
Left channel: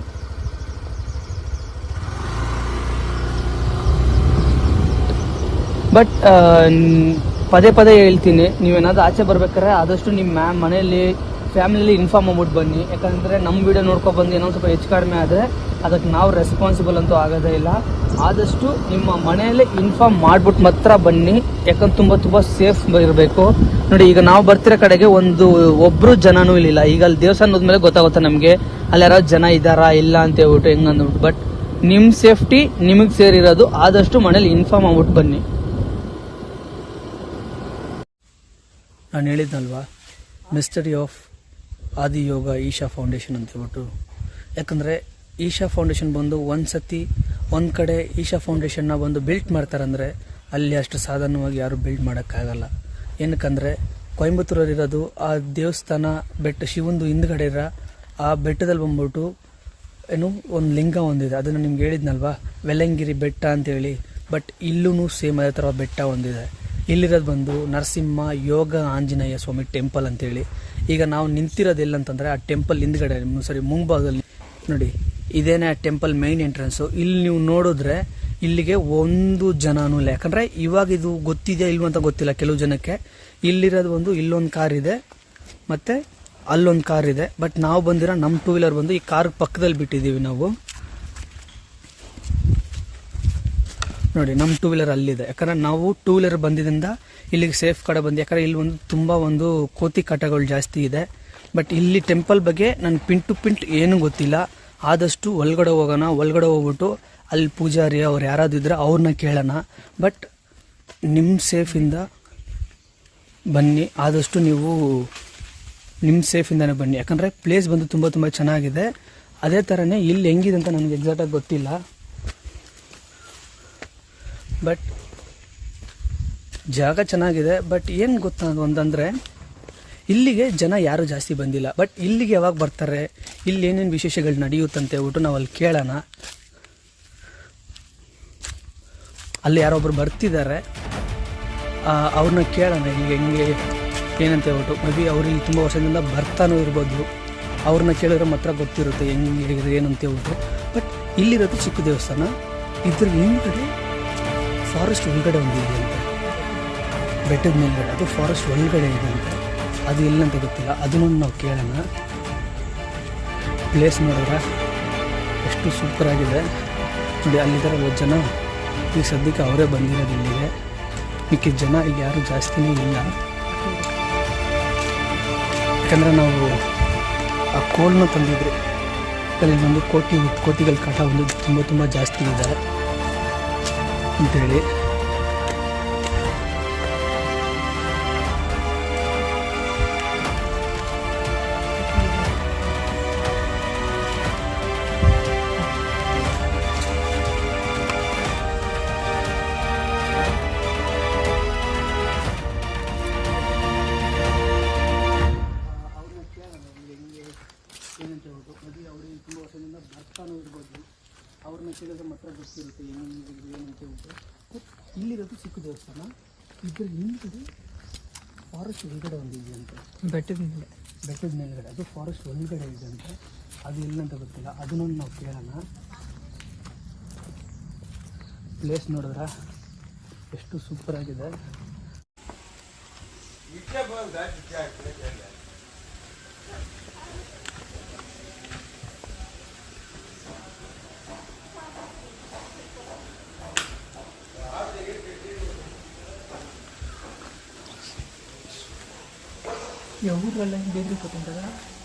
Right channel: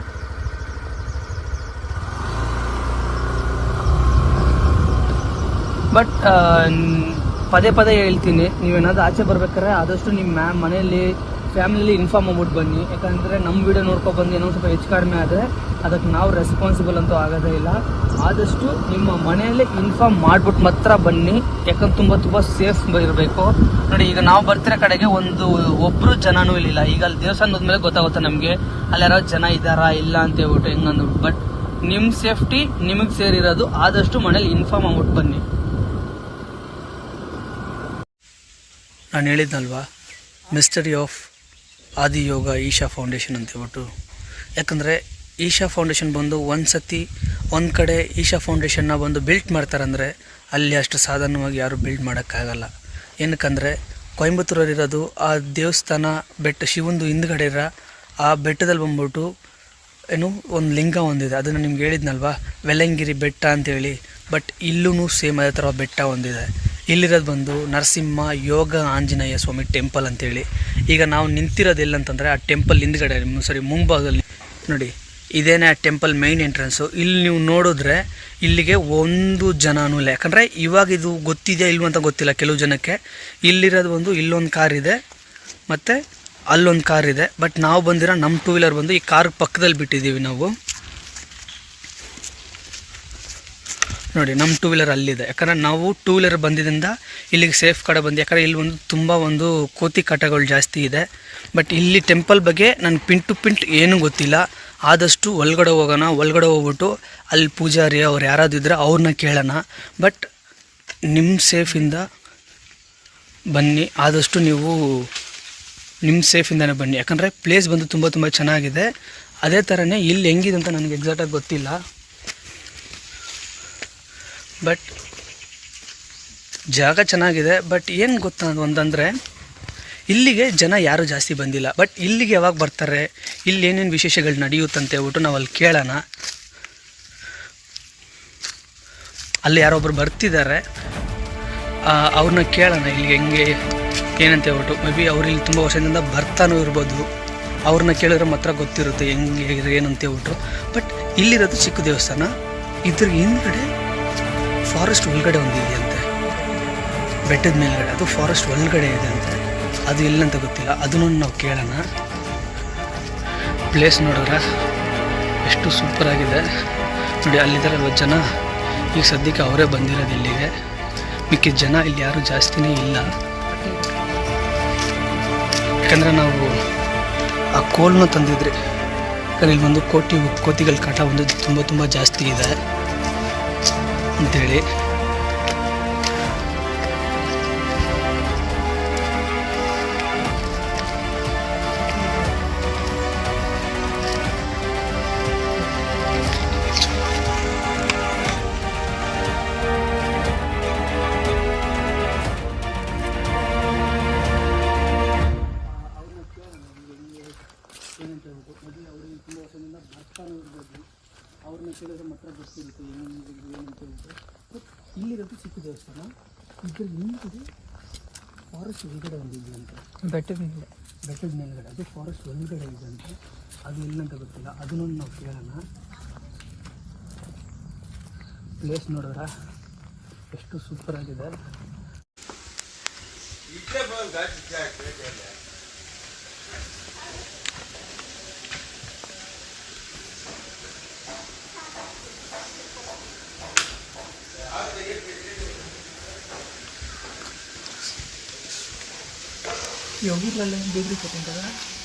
ಬಟ್ ಪದೇ ಪದೇ ಹೇಳ್ತೀನಿ, ನೀವೇನಾದ್ರು ಆಚೆ ಬರ್ಬೇಕಾದ್ರೆ ಆದಷ್ಟು ನಿಮ್ಮ ಮ್ಯಾಮ್ ಮನೆಯಲ್ಲಿ ಫ್ಯಾಮಿಲಿ ಇನ್ಫಾರ್ಮ್ ಮಾಡ್ಬಿಟ್ಟು ಬನ್ನಿ. ಯಾಕಂದರೆ ನಮ್ಮ ವಿಡಿಯೋ ನೋಡ್ಕೊಂಡು ಬಂದು ಏನೋ ಸ್ವಲ್ಪ ಹೆಚ್ಚು ಕಡಿಮೆ ಆದರೆ ಅದಕ್ಕೆ ನಾವು ರೆಸ್ಪಾನ್ಸಿಬಲ್ ಅಂತೂ ಆಗೋದೇ ಇಲ್ಲ. ಆದಷ್ಟು ನಿಮ್ಮ ಮನೆಯಲ್ಲಿ ಇನ್ಫಾರ್ಮ್ ಮಾಡ್ಬಿಟ್ಟು ಮಾತ್ರ ಬನ್ನಿ. ಯಾಕಂದ್ರೆ ತುಂಬ ತುಂಬ ಸೇಫ್ ಇರಬೇಕು. ನೋಡಿ, ಈಗ ನಾವು ಬರ್ತಿರೋ ಕಡೆಗೆ ಒಂದು ಒಬ್ರು ಜನನೂ ಇಲ್ಲ ಈಗ ಅಲ್ಲಿ ದೇವಸ್ಥಾನ ಹೋದ್ಮೇಲೆ ಗೊತ್ತಾಗುತ್ತೆ ನಮಗೆ. ಅಲ್ಲಿ ಯಾರೋ ಜನ ಇದ್ದಾರಾ ಇಲ್ಲ ಅಂತ ಹೇಳ್ಬಿಟ್ಟು ಹೆಂಗಂದು ಬಟ್ ನಿಮ್ಮ ಸೇಫ್ಟಿ ನಿಮಗೆ ಸೇರಿರೋದು. ಆದಷ್ಟು ಮನೇಲಿ ಇನ್ಫಾರ್ಮ್ ಆಗ್ಬಿಟ್ಟು ಬನ್ನಿ. ನಾನು ಹೇಳಿದ್ನಲ್ವ mystery of Adiyoga Isha Foundation ಅಂತ ಹೇಳ್ಬಿಟ್ಟು. ಯಾಕಂದರೆ ಈಶಾ ಫೌಂಡೇಶನ್ ಬಂದು ಒಂದು ಸತಿ ಒಂದು ಕಡೆ ಈಶಾ ಫೌಂಡೇಶನ್ನ ಬಂದು ಬಿಲ್ಟ್ ಮಾಡ್ತಾರಂದರೆ ಅಲ್ಲಿ ಅಷ್ಟು ಸಾಧಾರಣವಾಗಿ ಯಾರು ಬಿಲ್ಡ್ ಮಾಡೋಕ್ಕಾಗಲ್ಲ. ಏನಕ್ಕಂದರೆ ಕೊಯಂಬತ್ತೂರಲ್ಲಿರೋದು ಆ ದೇವಸ್ಥಾನ ಬೆಟ್ಟ, ಶಿವಂದು ಹಿಂದ್ಗಡೆ ಇರೋ ಆ ಬೆಟ್ಟದಲ್ಲಿ ಬಂದ್ಬಿಟ್ಟು ಏನು ಒಂದು ಲಿಂಗ ಒಂದಿದೆ. ಅದನ್ನು ನಿಮ್ಗೆ ಹೇಳಿದ್ನಲ್ವಾ ವೆಲ್ಲಂಗಿರಿ ಬೆಟ್ಟ ಅಂತೇಳಿ. ಬಟ್ ಇಲ್ಲೂ ಸೇಮ್ ಅದೇ ಥರ ಬೆಟ್ಟ ಒಂದಿದೆ. ಇಲ್ಲಿರೋದು ಬಂದು ನರಸಿಂಹ ಯೋಗ ಆಂಜನೇಯ ಸ್ವಾಮಿ ಟೆಂಪಲ್ ಅಂತೇಳಿ. ಈಗ ನಾವು ನಿಂತಿರೋದು ಎಲ್ಲಂತಂದರೆ ಆ ಟೆಂಪಲ್ ಹಿಂದ್ಗಡೆ ಸಾರಿ ಮುಂಭಾಗದಲ್ಲಿ. ನೋಡಿ, ಇದೇನೇ ಆ ಟೆಂಪಲ್ ಮೈನ್ ಎಂಟ್ರೆನ್ಸು ಇಲ್ಲಿ ನೀವು ನೋಡಿದ್ರೆ ಇಲ್ಲಿಗೆ ಒಂದು ಜನನೂ ಇಲ್ಲ. ಯಾಕಂದರೆ ಇವಾಗ ಇದು ಗೊತ್ತಿದೆಯಾ ಇಲ್ವ ಅಂತ ಗೊತ್ತಿಲ್ಲ ಕೆಲವು ಜನಕ್ಕೆ. ಇಲ್ಲಿರೋದು ಒಂದು ಇಲ್ಲೊಂದು ಕಾರ್ ಇದೆ, ಮತ್ತು ಅಲ್ಲೊಂದು ಕಾರ್ ಇದೆ. ಬಟ್ ನಾವು ಬಂದಿರೋ ನಮ್ಮ ಟೂ ವೀಲರ್ ಬಂದು ಈ ಕಾರ್ ಪಕ್ಕದಲ್ಲಿ ಬಿಟ್ಟಿದ್ದೀವಿ ನಾವು. ನೋಡಿ ನಮ್ಮ ಟೂ ವೀಲರ್ ಅಲ್ಲಿದೆ. ಯಾಕಂದರೆ ನಾವು ಟೂ ವೀಲರ್ ಬಂದಿದ್ದರಿಂದ ಇಲ್ಲಿಗೆ ಸೇಫ್ ಕಡೆ ಬಂದು. ಯಾಕಂದರೆ ಇಲ್ಲಿ ಒಂದು ತುಂಬ ಒಂದು ಕೋತಿ ಕಟಗಳು ಜಾಸ್ತಿ ಇದೆ. ಬಟ್ ಇಲ್ಲಿ ಟೆಂಪಲ್ ಬಗ್ಗೆ ನನಗೆ ಪಿಂಟ್ ಟು ಪಿಂಟ್ ಏನೂ ಗೊತ್ತಿಲ್ಲ. ಆದಷ್ಟು ಒಳಗಡೆ ಹೋಗೋಣ, ಒಳಗಡೆ ಹೋಗ್ಬಿಟ್ಟು ಅಲ್ಲಿ ಪೂಜಾರಿ ಅವ್ರು ಯಾರಾದ್ರೂ ಇದ್ದರೆ ಅವ್ರನ್ನ ಕೇಳೋಣ. ಬಟ್ ನಿಮ್ಮ ಸೇಫಿಂದ ಬನ್ನಿ. ಆದಷ್ಟು ನೀವು ನಿಮ್ಮ ಸೇಫಿಂದನೇ ಬನ್ನಿ. ಯಾಕಂದರೆ ಪ್ಲೇಸ್ ಬಂದು ತುಂಬ ತುಂಬ ಚೆನ್ನಾಗಿದೆ. ಅದೇ ಥರನೇ ಇಲ್ಲಿ ಹೆಂಗಿದೆ ಅಂತ ನನಗೆ ಎಕ್ಸಾಕ್ಟಾಗಿ ಗೊತ್ತಿಲ್ಲ. ಬಟ್ ಜಾಗ ಚೆನ್ನಾಗಿದೆ ಬಟ್ ಏನು ಗೊತ್ತಾ ಒಂದಂದರೆ, ಇಲ್ಲಿಗೆ ಜನ ಯಾರೂ ಜಾಸ್ತಿ ಬಂದಿಲ್ಲ. ಬಟ್ ಇಲ್ಲಿಗೆ ಯಾವಾಗ ಬರ್ತಾರೆ, ಇಲ್ಲಿ ಏನೇನು ವಿಶೇಷಗಳು ನಡೆಯುತ್ತಂತ ಹೇಳ್ಬಿಟ್ಟು ನಾವು ಅಲ್ಲಿ ಕೇಳೋಣ. ಅಲ್ಲಿ ಯಾರೊಬ್ಬರು ಬರ್ತಿದ್ದಾರೆ ಅವ್ರನ್ನ ಕೇಳೋಣ ಇಲ್ಲಿಗೆ ಹೆಂಗೆ, ಏನಂತ ಹೇಳ್ಬಿಟ್ಟು. ಮೇ ಬಿ ಅವ್ರು ಇಲ್ಲಿ ತುಂಬ ವರ್ಷದಿಂದ ಬರ್ತಾನೂ ಇರ್ಬೋದು. ಅವ್ರನ್ನ ಕೇಳಿದ್ರೆ ಮಾತ್ರ ಗೊತ್ತಿರುತ್ತೆ ಹೆಂಗೆ ಏನು ಅಂತ ಹೇಳ್ಬಿಟ್ಟು. ಬಟ್ ಇಲ್ಲಿರೋದು ಚಿಕ್ಕ ದೇವಸ್ಥಾನ. ಇದ್ರ ಹಿಂದ್ಗಡೆ ಫಾರೆಸ್ಟ್ ಒಳಗಡೆ ಒಂದು ಇದೆಯಂತೆ ಬೆಟ್ಟದ ಮೇಲ್ಗಡೆ, ಅದು ಫಾರೆಸ್ಟ್ ಒಳಗಡೆ ಇದೆ ಅಂತೆ. ಅದು ಎಲ್ಲಂತ ಗೊತ್ತಿಲ್ಲ. ಅದನ್ನು ನಾವು ಕೇಳೋಣ. ಪ್ಲೇಸ್ ನೋಡಿದ್ರೆ ಎಷ್ಟು ಸೂಪರ್ ಆಗಿದೆ. ನೋಡಿ ಅಲ್ಲಿದ್ದಾರಲ್ವ ಜನ. ಈಗ ಸದ್ಯಕ್ಕೆ ಅವರೇ ಬಂದಿರೋದು ಇಲ್ಲಿಗೆ. ಮಿಕ್ಕಿದ ಜನ ಇಲ್ಲಿ ಯಾರು ಜಾಸ್ತಿನೇ ಇಲ್ಲ. ಯಾಕಂದರೆ ನಾವು ಆ ಕೋಲ್ನ ತಂದಿದ್ರಿ, ಯಾಕಂದರೆ ಇಲ್ಲಿ ಒಂದು ಕೋಟಿ, ಕೋತಿಗಳ ಕಾಟ ಒಂದು ತುಂಬ ತುಂಬ ಜಾಸ್ತಿ ಇದೆ. ಅಂತೇಳಿ ಅದು ಫಾರೆಸ್ಟ್ ಒಳಗಡೆ ಇದೆ ಅಂತ. ಅದು ಎಲ್ಲಂತ ಗೊತ್ತಿಲ್ಲ. ಅದನ್ನೊಂದು ನಾವು ಕೇಳೋಣ. ಪ್ಲೇಸ್ ನೋಡಿದ್ರ ಎಷ್ಟು ಸೂಪರ್ ಆಗಿದೆ. 여기 발라 내리거든가?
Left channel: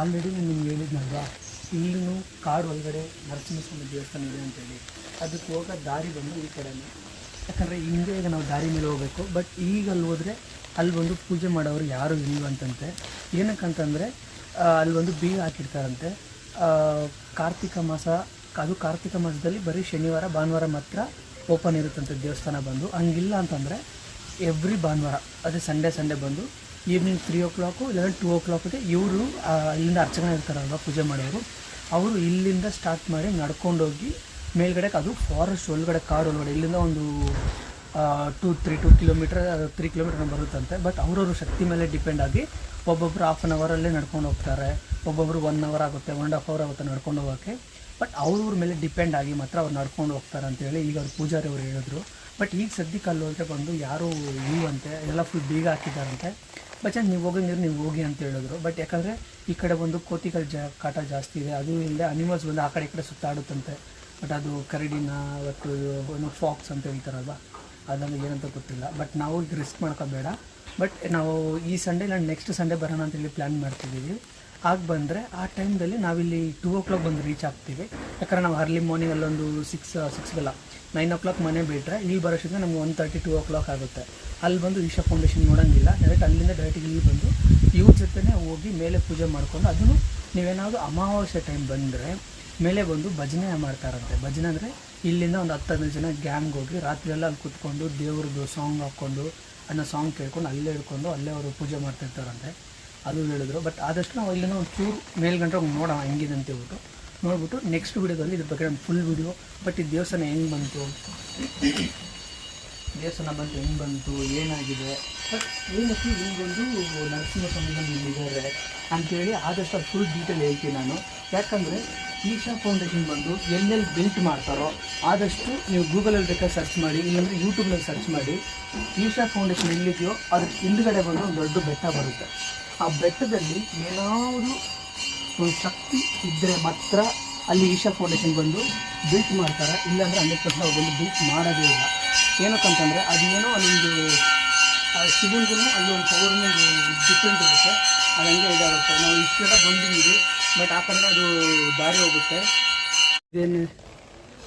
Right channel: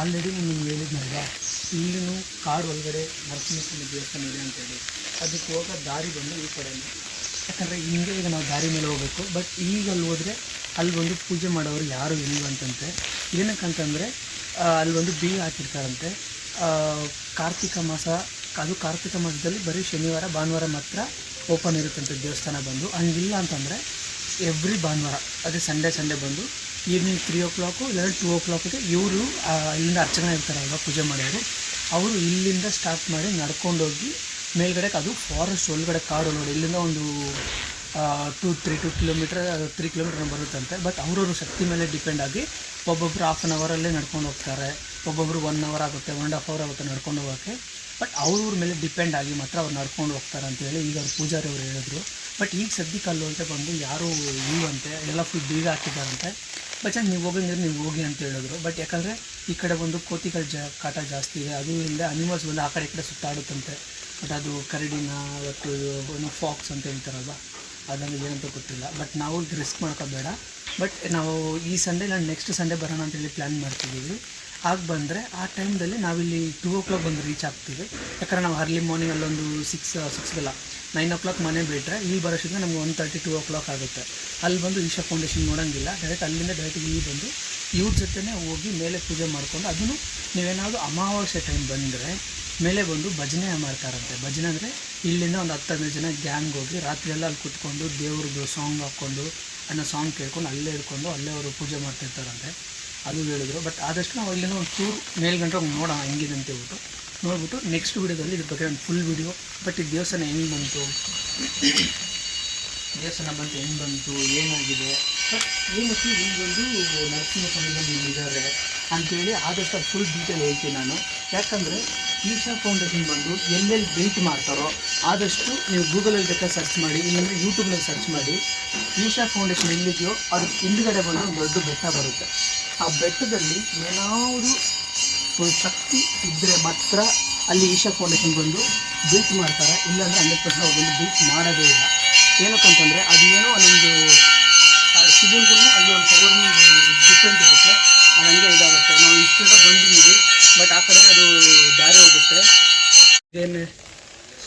ಆಲ್ರೆಡಿ ನಿಮ್ಗೆ ಹೇಳಿದ್ನಲ್ವಾ, ಇಲ್ಲಿನೂ ಕಾಡು ಒಳಗಡೆ ನರಸಿಂಹಸ್ವಾಮಿ ದೇವಸ್ಥಾನ ಇದೆ ಅಂತೇಳಿ ಅದಕ್ಕೆ ಹೋಗೋ ದಾರಿ ಬಂದು ಈ ಕಡೆನೇ ಯಾಕಂದರೆ ಹಿಂಗೆ ಈಗ ನಾವು ದಾರಿ ಮೇಲೆ ಹೋಗಬೇಕು ಬಟ್ ಈಗ ಅಲ್ಲಿ ಹೋದರೆ ಅಲ್ಲಿ ಬಂದು ಪೂಜೆ ಮಾಡೋರು ಯಾರು ಇಲ್ವಂತಂತೆ ಏನಕ್ಕಂತಂದರೆ ಅಲ್ಲಿ ಒಂದು ಬೀಗ ಹಾಕಿರ್ತಾರಂತೆ. ಕಾರ್ತಿಕ ಮಾಸ, ಅದು ಕಾರ್ತಿಕ ಮಾಸದಲ್ಲಿ ಬರೀ ಶನಿವಾರ, ಭಾನುವಾರ ಮಾತ್ರ ಓಪನ್ ಇರುತ್ತಂತೆ ದೇವಸ್ಥಾನ ಬಂದು. ಹಂಗಿಲ್ಲ ಅಂತಂದರೆ ಎವ್ರಿ ಭಾನುವಾರ, ಅದೇ ಸಂಡೇ ಸಂಡೇ ಬಂದು ಈವ್ನಿಂಗ್ ತ್ರೀ ಓ ಕ್ಲಾಕು ಇಲ್ಲಾಂದರೆ ಟೂ ಓ ಕ್ಲಾಕ್ಗೆ ಇವರು ಇಲ್ಲಿಂದ ಅರ್ಚಕನ ಇರ್ತಾರಲ್ವ ಪೂಜೆ ಮಾಡೋರು, ಅವರು ಇಲ್ಲಿಂದ ಸ್ಟಾರ್ಟ್ ಮಾಡಿ ನಡ್ಕೊಂಡೋಗಿ ಮೇಲ್ಗಡೆ ಅದು ಫಾರೆಸ್ಟ್ ಒಳಗಡೆ ಕಾಡು ನೋಡಿ, ಇಲ್ಲಿಂದ ಒಂದು two three two kilometre three kilometre ಬರುತ್ತಂತೆ but ಅವ್ರವ್ರ ಶಕ್ತಿ ಮೇಲೆ ಡಿಪೆಂಡ್ ಆಗಿ ಒಬ್ಬೊಬ್ಬರು ಹಾಫ್ ಆನ್ ಅವರಲ್ಲೇ ನಡ್ಕೊಂಡು ಹೋಗ್ತಾರೆ ಒಬ್ಬೊಬ್ಬರು ಒನ್ ಅವರ್ ಆಗುತ್ತೆ ಒನ್ ಆ್ಯಂಡ್ ಹಾಫ್ ಅವರ್ ಆಗುತ್ತೆ ನಡ್ಕೊಂಡು ಹೋಗೋಕ್ಕೆ ಬಟ್ ಅವ್ರವ್ರ ಮೇಲೆ ಡಿಪೆಂಡ್ ಆಗಿ ಮಾತ್ರ ಅವ್ರು ನಡ್ಕೊಂಡು ಹೋಗ್ತಾರೆ ಅಂತೇಳಿ ಈಗ ಅವ್ರು ಪೂಜಾರಿ ಅವರು ಹೇಳಿದ್ರು. ಬಟ್ ಈಗ ಸದ್ಯಕ್ಕೆ ಅಲ್ಲಿ ಅಂತ ಬಂದು ಯಾರು ಅಂತೆ, ಎಲ್ಲ ಫುಲ್ ಬೀಗ ಹಾಕಿದ್ದಾರಂತೆ ಬಟ್ ನೀವು ಹೋಗಂಗಿದ್ರೆ ನೀವು ಹೋಗಿ ಅಂತ ಹೇಳಿದ್ರು. ಬಟ್ ಯಾಕಂದರೆ ಈ ಕಡೆ ಬಂದು ಕೋತಿಗಳ ಜ, ಕಾಟ ಜಾಸ್ತಿ ಇದೆ. ಅದು ಇಲ್ಲದೆ ಅನಿಮಲ್ಸ್ ಬಂದು ಆ ಕಡೆ ಈ ಕಡೆ ಸುತ್ತಾಡುತ್ತಂತೆ. ಬಟ್ ಅದು ಕರಡಿನ ಮತ್ತು ಏನು ಫಾಕ್ಸ್ ಅಂತ ಹೇಳ್ತಾರಲ್ವ, ಅದನ್ನು ಏನಂತ ಗೊತ್ತಿಲ್ಲ. ಬಟ್ ನಾವು ರಿಸ್ಕ್ ಮಾಡ್ಕೋಬೇಡ. ಬಟ್ ನಾವು ಈ ಸಂಡೇ ನಾನು ನೆಕ್ಸ್ಟ್ ಸಂಡೇ ಬರೋಣ ಅಂತೇಳಿ ಪ್ಲ್ಯಾನ್ ಮಾಡ್ತಿದ್ದೀವಿ. ಆಗ ಬಂದರೆ ಆ ಟೈಮ್ದಲ್ಲಿ ನಾವಿಲ್ಲಿ ಟೂ ಓ ಕ್ಲಾಕ್ ಬಂದು ರೀಚ್ ಆಗ್ತೀವಿ. ಯಾಕಂದರೆ ನಾವು ಅರ್ಲಿ ಮಾರ್ನಿಂಗ್ ಅಲ್ಲೊಂದು ಸಿಕ್ಸ್ ಸಿಕ್ಸ್ಗೆಲ್ಲ ನೈನ್ ಓ ಕ್ಲಾಕ್ ಮನೆ ಬಿಟ್ಟರೆ ಇಲ್ಲಿ ಬರೋಷ್ಟಕ್ಕೆ ನಮ್ಗೆ one thirty two o'clock ಆಗುತ್ತೆ. ಅಲ್ಲಿ ಬಂದು ಈಶಾ ಫೌಂಡೇಶನ್ ನೋಡೋಂಗಿಲ್ಲ. ಡೈರೆಕ್ಟ್ ಅಲ್ಲಿಂದ ಡೈರೆಕ್ಟ್ ಇಲ್ಲಿ ಬಂದು ಇವ್ರ ಜೊತೆನೇ ಹೋಗಿ ಮೇಲೆ ಪೂಜೆ ಮಾಡಿಕೊಂಡು ಅದನ್ನು ನೀವೇನಾದರೂ ಅಮಾವಾಸ್ಯೆ ಟೈಮ್ ಬಂದರೆ ಮೇಲೆ ಬಂದು ಭಜನೆ ಮಾಡ್ತಾರಂತೆ. ಭಜನೆ ಅಂದರೆ ಇಲ್ಲಿಂದ ಒಂದು ಹತ್ತು, ಹದಿನೈದು ಜನ ಗ್ಯಾಂಗ್ ಹೋಗಿ ರಾತ್ರಿ ಎಲ್ಲ ಅಲ್ಲಿ ಕೂತ್ಕೊಂಡು ದೇವ್ರದ್ದು ಸಾಂಗ್ ಹಾಕ್ಕೊಂಡು ಅನ್ನೋ ಸಾಂಗ್ ಕೇಳ್ಕೊಂಡು ಅಲ್ಲೇ ಹಿಡ್ಕೊಂಡು ಅಲ್ಲೇ ಅವರು ಪೂಜೆ ಮಾಡ್ತಿರ್ತಾರಂತೆ. ಅದು ಹೇಳಿದ್ರು. ಬಟ್ ಆದಷ್ಟು ನಾವು ಇಲ್ಲಿಂದ ಒಂದು ಟೂರ್ ಹೋಗಿ ನೋಡೋಣ ಹೆಂಗಿದೆ ಅಂತ ಹೇಳ್ಬಿಟ್ಟು ನೋಡ್ಬಿಟ್ಟು ನೆಕ್ಸ್ಟ್ ವೀಡಿಯೋದಲ್ಲಿ ಇದ್ರ ಬಗ್ಗೆ ಒಂದು ಫುಲ್ ವೀಡಿಯೋ ಬಟ್ ಈ ದೇವಸ್ಥಾನ ಹೆಂಗೆ ಬಂತು? ದೇವಸ್ಥಾನ ಬಂತು, ಹೆಂಗೆ ಬಂತು, ಏನಾಗಿದೆ? ಬಟ್ ಏನಕ್ಕೆ ಹಿಂಗೊಂದು ನರಸಿಂಹಸ್ವಾಮಿ ಬಂದು ಇಲ್ಲಿದ್ದಾರೆ ಅಂತೇಳಿ ಆದಷ್ಟು ಫುಲ್ ಡೀಟೇಲ್ ಹೇಳ್ತೀನಿ ನಾನು. ಯಾಕಂದರೆ ಈಶಾ ಫೌಂಡೇಶನ್ ಬಂದು ಎಲ್ಲೆಲ್ಲಿ ಬಿಲ್ಟ್ ಮಾಡ್ತಾರೋ ಆದಷ್ಟು ನೀವು ಗೂಗಲಲ್ಲಿ ಬೇಕಾದ್ರೆ ಸರ್ಚ್ ಮಾಡಿ, ಇಲ್ಲಾಂದರೆ ಯೂಟ್ಯೂಬ್ನಲ್ಲಿ ಸರ್ಚ್ ಮಾಡಿ. ಈಶಾ ಫೌಂಡೇಶನ್ ಎಲ್ಲಿದೆಯೋ ಅದ್ರ ಹಿಂದ್ಗಡೆ ಬಂದು ಒಂದು ದೊಡ್ಡ ಬೆಟ್ಟ ಬರುತ್ತೆ. ಆ ಬೆಟ್ಟದಲ್ಲಿ ಏನಾದರೂ ಒಂದು ಶಕ್ತಿ ಇದ್ದರೆ ಮಾತ್ರ ಅಲ್ಲಿ ಈಶಾ ಫೌಂಡೇಶನ್ ಬಂದು ಬೀಟ್ ಮಾಡ್ತಾರೆ. ಇಲ್ಲಾಂದರೆ ಹಂಡ್ರೆಡ್ ಪರ್ಸೆಂಟ್ ಅವ್ರು ಬಂದು ಬಿಲ್ಟ್ ಮಾಡೋದೇ ಇಲ್ಲ. ಏನಕ್ಕಂತಂದರೆ ಅದು ಏನೋ ಅಲ್ಲೊಂದು ಶಿವನ್ಗೂ ಅಲ್ಲಿ ಒಂದು ಪವರ್ನ ಡಿಫ್ರೆಂಟ್ ಇರುತ್ತೆ. ಅದು ಹಂಗೆ ಇದಾಗುತ್ತೆ. ನಾವು ಇಷ್ಟೆಲ್ಲ ಬಂದಿದ್ದೀವಿ ಬಟ್ ಆ ಕಡೆ ಅದು ದಾರಿ ಹೋಗುತ್ತೆ. ಇದೇನೇ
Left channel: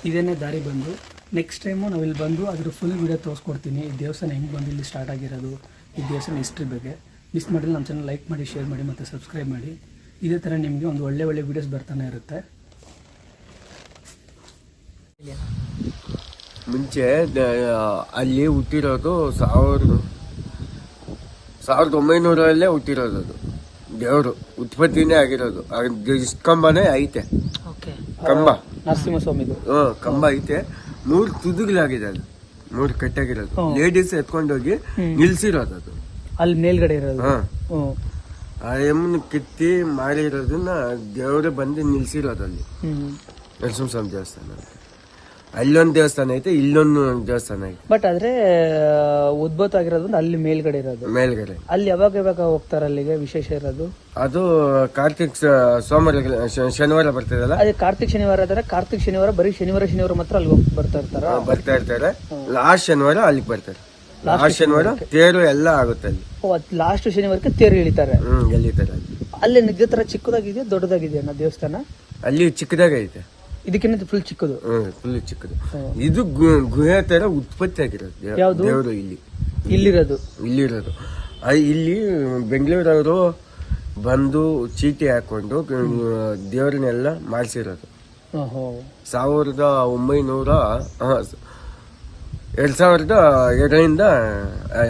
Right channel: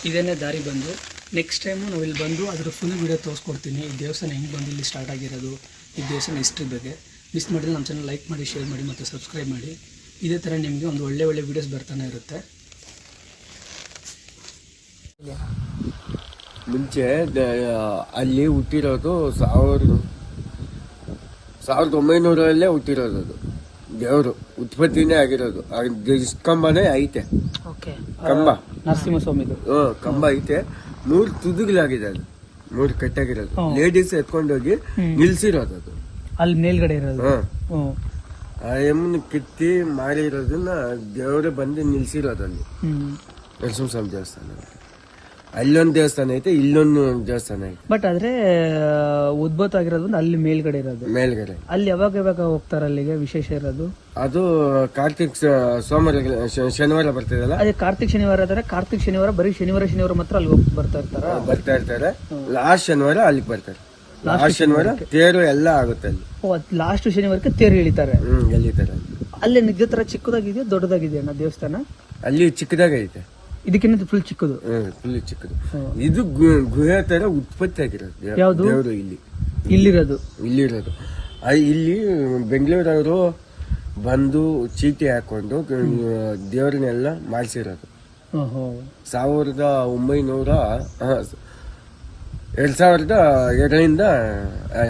ಇದೇನೇ ದಾರಿ ಬಂದು. ನೆಕ್ಸ್ಟ್ ಟೈಮು ನಾವು ಇಲ್ಲಿ ಬಂದು ಅದ್ರ ಫುಲ್ ವೀಡಿಯೋ ತೋರಿಸ್ಕೊಡ್ತೀನಿ. ಈ ದೇವಸ್ಥಾನ ಹೆಂಗೆ ಬಂದು ಇಲ್ಲಿ ಸ್ಟಾರ್ಟ್ ಆಗಿರೋದು, ಈ ದೇವಸ್ಥಾನ ಹಿಸ್ಟ್ರಿ ಬಗ್ಗೆ. ಮಿಸ್ ಮಾಡಿದ್ರೆ ನಮ್ಮ ಚಾನಲ್ ಲೈಕ್ ಮಾಡಿ ಶೇರ್ ಮಾಡಿ ಮತ್ತು ಸಬ್ಸ್ಕ್ರೈಬ್ ಮಾಡಿ. ಇದೇ ಥರ ನಿಮಗೆ ಒಂದು ಒಳ್ಳೆ ಒಳ್ಳೆ ವೀಡಿಯೋಸ್ ಬರ್ತಾನೆ ಇರುತ್ತೆ. ಮುಂಚೆ ಅಲ್ಲಿ ಹುಟ್ಟಿರೋದು ಸಾವಿರದ ಸಾವಿರದ ಒಂಬೈನೂರಲ್ಲೇ ಹುಟ್ಟಿರೋದು ಅದು. ದೇವರು ಉತ್ಪತ್ತಿನೇ ಆಗಿರೋದು. ಇಷ್ಟು ಇಷ್ಟ್ ಕಂಬನೇ ಐತೆ. ಓಕೆ. ಕಂಬ. ಹ್ಮ್ ಕಂಬ ಐತೆ. ಮೂರು ತುದಿಗಳಾಗಿದೆ ಅದು ಮೂರು ಕಟ್ಟಾಗಿರೋದು. ಲೇಡೀಸ್ ಎತ್ಕೊಂಡೋಗಿ. ನಿಲ್ಸಿರೋದು ಅದು. ಅಲ್ಲಿ ಮೇಲ್ಗಡೆ ಇರೋದು. ಹ್ಞೂ ಎಮ್ಮನ ಕಿತ್ತಿ ಮಾಡಿರೋದನ್ನ ದೇವರೇ ಬಂದು ನಿಲ್ಸಿರೋದಲ್ಲಿ. ನರಸಿಂಹಸ್ವಾಮಿ ದೇವಸ್ಥಾನ ಅಲ್ಲೊಂದು ದೇವಸ್ಥಾನ ಐತೆ ಇಲ್ಲೊಂದು ದೇವಸ್ಥಾನ ಐತೆ. ಬಟ್ ಆದ್ರೆ ಉದ್ಭೂತ ಆಗಿರೋದು ಅಲ್ಲಿ ಮೇಲ್ಗಡೆ ಇರೋದು. ಮೇಲ್ಗಡೆ. ಅಲ್ಲಿ ಯಾವಾಗ ಯಾವಾಗ ಹೋಗ್ತಾರೆ ಅಲ್ಲಿಗೆ ವಿಶೇಷ ಇರೋದು? ಅದು ಕಾರ್ತಿಕ್ ಸೋಮವಾರ ಶನಿವಾರ ಬರ್ತಿದಲ್ಲ? ಅದೇ ಕಾರ್ತಿಕ್ ಶನಿವಾರ ಆದರೆ ಕಾರ್ತಿಕ್ ಶನಿವಾರ ಬರೀ ಶನಿವಾರ ಶನಿವಾರ ಮಾತ್ರ ಅಲ್ಲಿ ಹೋಗಿ ಬರ್ತಾ ಇರ್ತಾರೆ. ಆ, ಬರ್ತಾ ಇರ್ತಾರೆ. ಲಾಸ್ಟ್ ಶನಿವಾರ ಅಲ್ಲಿಗೆ ಬರ್ತಾರೆ. ಲಾಸ್ಟ್ ಶನಿವಾರ ತೇರು ಎಲ್ಲ ಆಗುತ್ತೆ ಅಲ್ಲಿ. ಲಾಸ್ಟ್ ಶನಿವಾರಕ್ಕೆ ತೇರು ಇಳಿತಾರೆ. ಹ್ಮ್ ಅಲ್ಲಿ. ಅಲ್ಲಿ ನಿಜ ತರ ಚಿಕ್ಕದಾಗಿದೆಯಾ ದೊಡ್ಡದಾಗಿದೆಯಾ ಅಣ್ಣ ದೇವಸ್ಥಾನ? ಅಲ್ಲಿ ಚಿಕ್ಕದಾಗ ಐತೆ. ಇದಕ್ಕಿಂತ ಫುಲ್ ಚಿಕ್ಕದು. ಹ್ಮ್ ಫುಲ್ ಚಿಕ್ಕದು. ಇದು ಗು- ಗುಹೆ ತರ ಉತ್ಪತ್ತಿ ಆಗಿರೋದು ಯಾವ ಯಾವ್ದು? ದೇವ್ರು ಇಲ್ಲಿ. ಇಲ್ಲಿರೋದು. ಇಲ್ಲಿರೋದು. ಆ, ಇಲ್ಲಿ ಬೆಂಗಳೂರವರು ಬಂದು ಚೀಟಿ ಹಾಕೊಂಡು ದೇವರನ್ನೆಲ್ಲ ಮಾಡಿಸಿರೋದು. ಹ್ಮ್, ಹ್ಮ್. ಸಾವಿರದ ಒಂಬೈನೂರ ಆ, ಎರಡ್ ಸಾವಿರದ ಎರಡರಿಂದ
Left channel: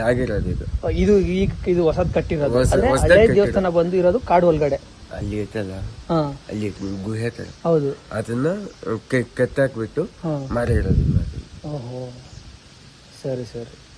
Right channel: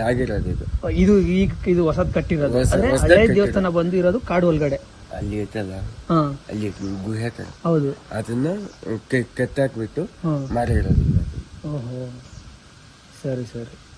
ಆಗಿರೋದು ಇದು. ಇದು ಈಗ ಇದು ಹೊಸದ್ ಕಟ್ಟಿರೋದು. ಹೊಸ- ಅಂದ್ರೆ ಹೊಸದಾಗಿ ಹಳೆ ಕಟ್ಟಿರೋದು. ದೇವಸ್ಥಾನ ಬಂದಿರೋದು ಇರೋದು ಕಾಡು ಒಳಗಡೆ. ಅಲ್ಲಿ ಐತಲ್ಲ? ಹಾ. ಅಲ್ಲಿ ಗುಹೆ ತರ ಹೌದು. ಅದನ್ನ ಕೆ- ಕೆತ್ತಾಕ್ಬಿಟ್ಟು ಮಾರಿ ಮಾರಿರೋದು ಓಹೋ. ಸರಿ ಸರಿ.